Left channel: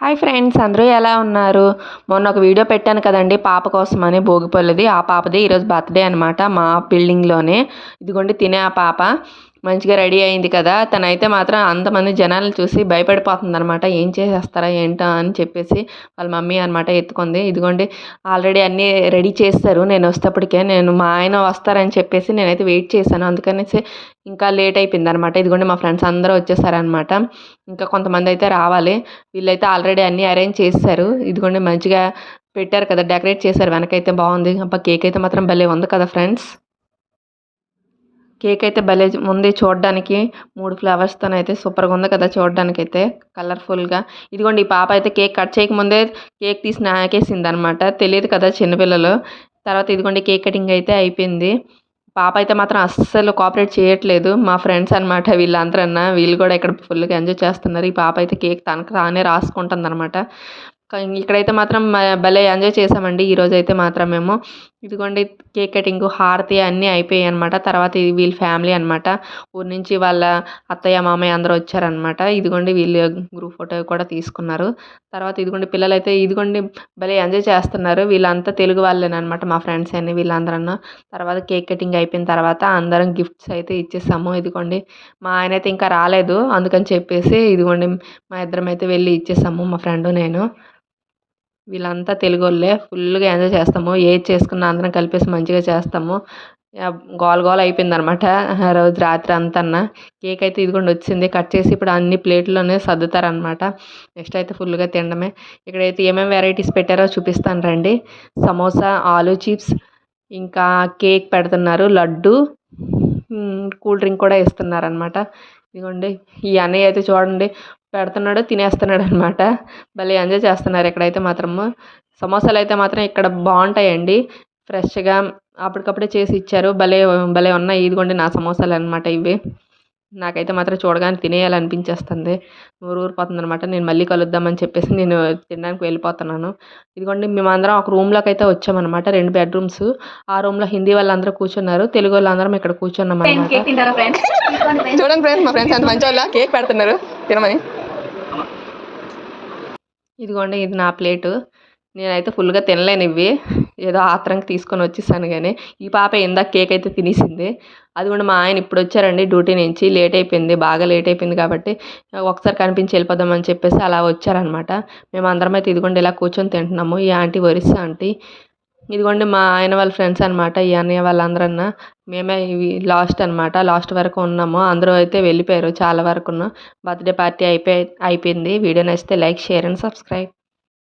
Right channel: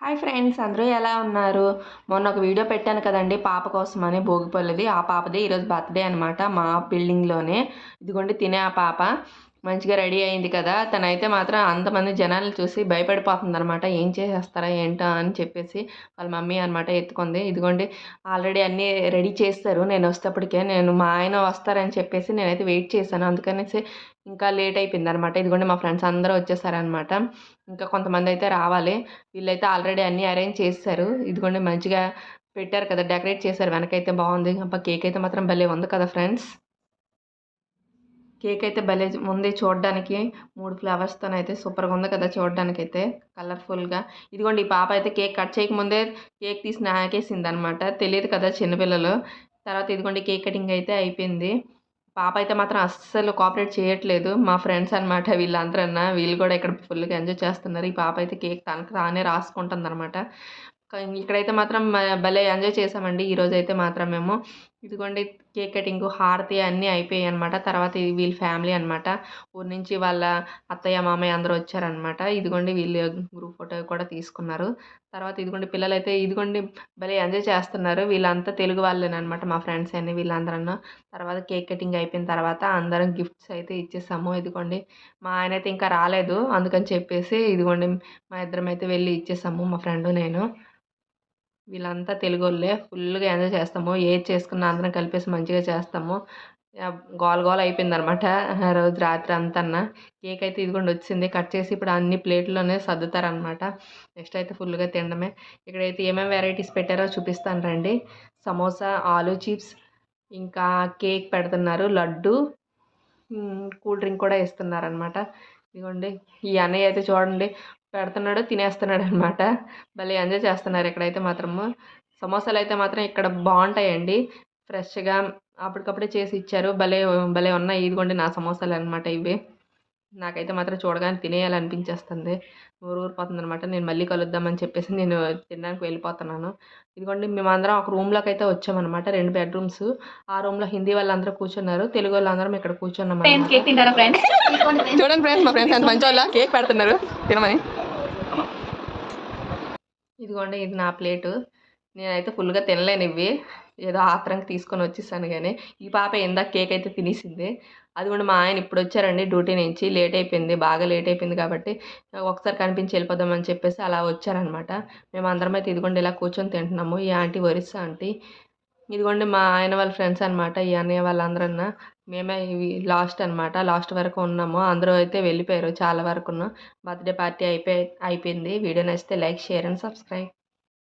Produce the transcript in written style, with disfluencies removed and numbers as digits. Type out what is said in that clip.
Hi friends, అందరూ ఎలా ఉన్నారు? మొన్న ఒక వీడియో పెట్టాను కదండి పాప కోసమని భోగిపళ్ళది. ఆ పాపది ఈరోజు బర్త్‌డే అనమాట మా బిల్డింగ్‌లోనే. ఇదిగోండి తినే ఆ పాప మంచిగా రెడీ అయింది కదా! తనైతే మాత్రం అంతమంది జనాల్ని చూసి భయపడిపోతుందనమాట. ఏం చేసేస్తారో ఏంటో అని చెప్పేసి వాళ్ళ మమ్మీ అనమాట ఎత్తుకుంది. ఇదిగోండి ఆల్రెడీ అన్నీ రెడీ చేసేశారు నేనొచ్చేటప్పటికే. మా ఆయన వస్తారని చెప్పేసి నేనైతే వెయిట్ చేశాను. అందుకనేసి ఇంకా లేట్ అయిపోయిందనమాట. ఇదిగోండి మా ఫ్రెండ్స్ అందరూ వచ్చేసారనమాట. ఇంకా కొంతమందయితే రావాలి. వీళ్ళైతే ఆల్రెడీ అన్నీ అరేంజ్ చేసేశారు. ఇదిగోండి మంచిగా పెట్టారు కదా! డెకరేట్ చేశారు. వెనకైతే బావుంది. అబ్బా! కేక్ అయితే మాత్రం భలే ఉంది కదా ఫ్రెండ్స్. కేక్ అయితే భలే ఉంది చూడడానికి. 3 ఫ్లవర్స్‌తోనైతే సూపర్‌గా ఉంది కదా చూడడానికైతే కలర్‌ఫుల్‌గా. ఇదిగోండి ఈ పాప అయితే కేక్ కట్ చేయకముందే కేక్ తీసి నాకేసిందనమాట. తెలీదు కదా చిన్న పిల్లలు. తర్వాత ఇదిగోండి కేక్ కటింగ్ అయితే అయిపోయింది. పాప అయితే మాత్రం అస్సలు కోఆపరేట్ చేయట్లేదు. మా ఫ్రెండ్స్ అనమాట వీళ్ళందరన్నా. వీళ్ళు కూడా ఇక్కడ ఫుల్‌గా ఎంజాయ్ చేస్తున్నారు. ఈ పాప అయితే కేక్ తనకు తానే రాసుకుంటుందనమాట. ఇక్కడైతే మాత్రం భలే ఎంజాయ్ చేశామండి ఈరోజైతే మాత్రం మేము. ఇదిగోండి కేక్ కటింగు, హారతి అన్నీ అయిపోయాయనమాట. తర్వాత ఇది వీళ్ళ ఫ్యామిలీ అనమాట. ఊరు నుంచి వాళ్ళ అత్తయ్య, మామయ్య అందరూ వచ్చారనమాట. ఇదిగోండి వీళ్ళు గ్రూప్ ఫోటో కూడా తీసుకున్నారు. తర్వాత ఇదిగోండి పిల్లలైతే ఇదిగోండి భలే ఎంజాయ్ చేస్తున్నారు. వీళ్ళంతా తెలుగు వాళ్ళేననమాట మా ఫ్రెండ్స్ అని వీళ్ళందరూను. తర్వాత కేక్ కటింగ్ అయిపోయిన తర్వాత అందరం గిఫ్ట్స్ అయితే ఇచ్చేసాము. ఇదిగోండి మా ఆయనైతే ఇంకా రాలేదు. అందుకని చెప్పేసి ఇదిగోండి మా ఇద్దరమైతే వెళ్ళి ఇచ్చేసాము మా ఫ్రెండు నేను. వీళ్ళంతా తెలుగోళ్ళే. ఫుల్లుగా ఎంజాయ్ చేస్తాము. ఏది చేసుకున్నా అందరం కలిపేసి మంచిగా చేస్తాము. గోల గోల అయిపోయిందనమాట ఆ రోజు రాత్రి అంతన్న. కేక్ అయితే ఇదిగోండి వచ్చింది. కట్ చేసి ఇప్పుడు అన్ని ప్లేట్‌లోనే సర్దుతారనమాట. నెక్స్ట్ అయితే ఫుల్లుగా తినడమే. ఇక్కడైతే ఏమేమి వెరైటీస్ పెట్టారో చూపిస్తాను రండి. సమోసా, ఆలు చిప్స్, ఇంకా కేక్ పెడుతున్నారు, లడ్డు, కూల్ డ్రింక్ కూడా ఇస్తున్నారనమాట. ఇదిగోండి ఈ అన్నయ్య అయితే చూడండి పెడుతున్నాడు, తినేస్తున్నాడనమాట. భలే ఎంజాయ్ చేస్తున్నారు ఇక్కడైతే మాత్రము. సమోసాలైతే మాత్రం ఇక్కడ బావుంటాయండి. ఫ్రెష్‌గా అప్పటికప్పుడే చేసి ఇచ్చారు. భలే భలే ఉన్నాయి. ఇదిగోండి నా సమోసాలనమాట ఇవి. నాకైతే మాత్రం చూడగానే తినేయాలనిపించేస్తుంది. నోరు ఊరిపోతుందనమాట. నేను మళ్ళీ కలుద్దామని చెప్పేసి నేను తినడానికి వెళ్ళిపోతున్నాను. ఇదిగోండి మేమందరం ఒక రూమ్‌లోకైతే వచ్చామనమాట. 2 బెడ్‌రూమ్స్. ఆ రూమ్‌లో హిందీ వాళ్ళందరూ కూర్చున్నారు. తెలుగు వాళ్ళందరం ఇక్కడ కూర్చున్నామనమాట. చూడండి ఫ్రెండ్స్ మా ఫ్రెండ్స్ ఎంత మంచోళ్ళో కేక్ పెడుతున్నారు తినమని. ఇదిగోండి ఇది నా ప్లేటు. నేనైతే ఫుల్‌గా తినలేనివి. ఏదో ఆత్రంకి తీసుకొని వచ్చేసాను గానీ, ఈ పాప ఇందాక కేక్ అయితే తినేసింది. అది కూడా మా ఆయన ఇప్పుడొచ్చారండి డ్యూటీ నుంచి. లేట్ అయిపోయింది. బాగా లేట్ అయిపోయింది కాబట్టి, ఒకసారి కనిపించి వెళ్ళిపోదామని చెప్పేసి అలా వచ్చారనమాట. మేమందరం అయితే ఇదిగోండి ఇలా కూర్చొని తింటున్నాము. ఈ ఆంటీ ఒరిస్సా ఆంటీ. ఇదిగోండి మా ఆయన వాళ్ళ ఫ్రెండ్స్ అనమాట. ఈ అన్నయ్య వాళ్ళందరన్నా. మేమే ఇవి లాస్ట్ అనమాట. లాస్ట్ వరకు ఉన్నాము. అందరూ అయితే వెళ్ళిపోయారు చాలా వరకును. బర్త్‌డే పార్టీ అయిపోయింది. వీడియో నచ్చితే లైక్, షేర్ అండ్ సబ్స్క్రైబ్.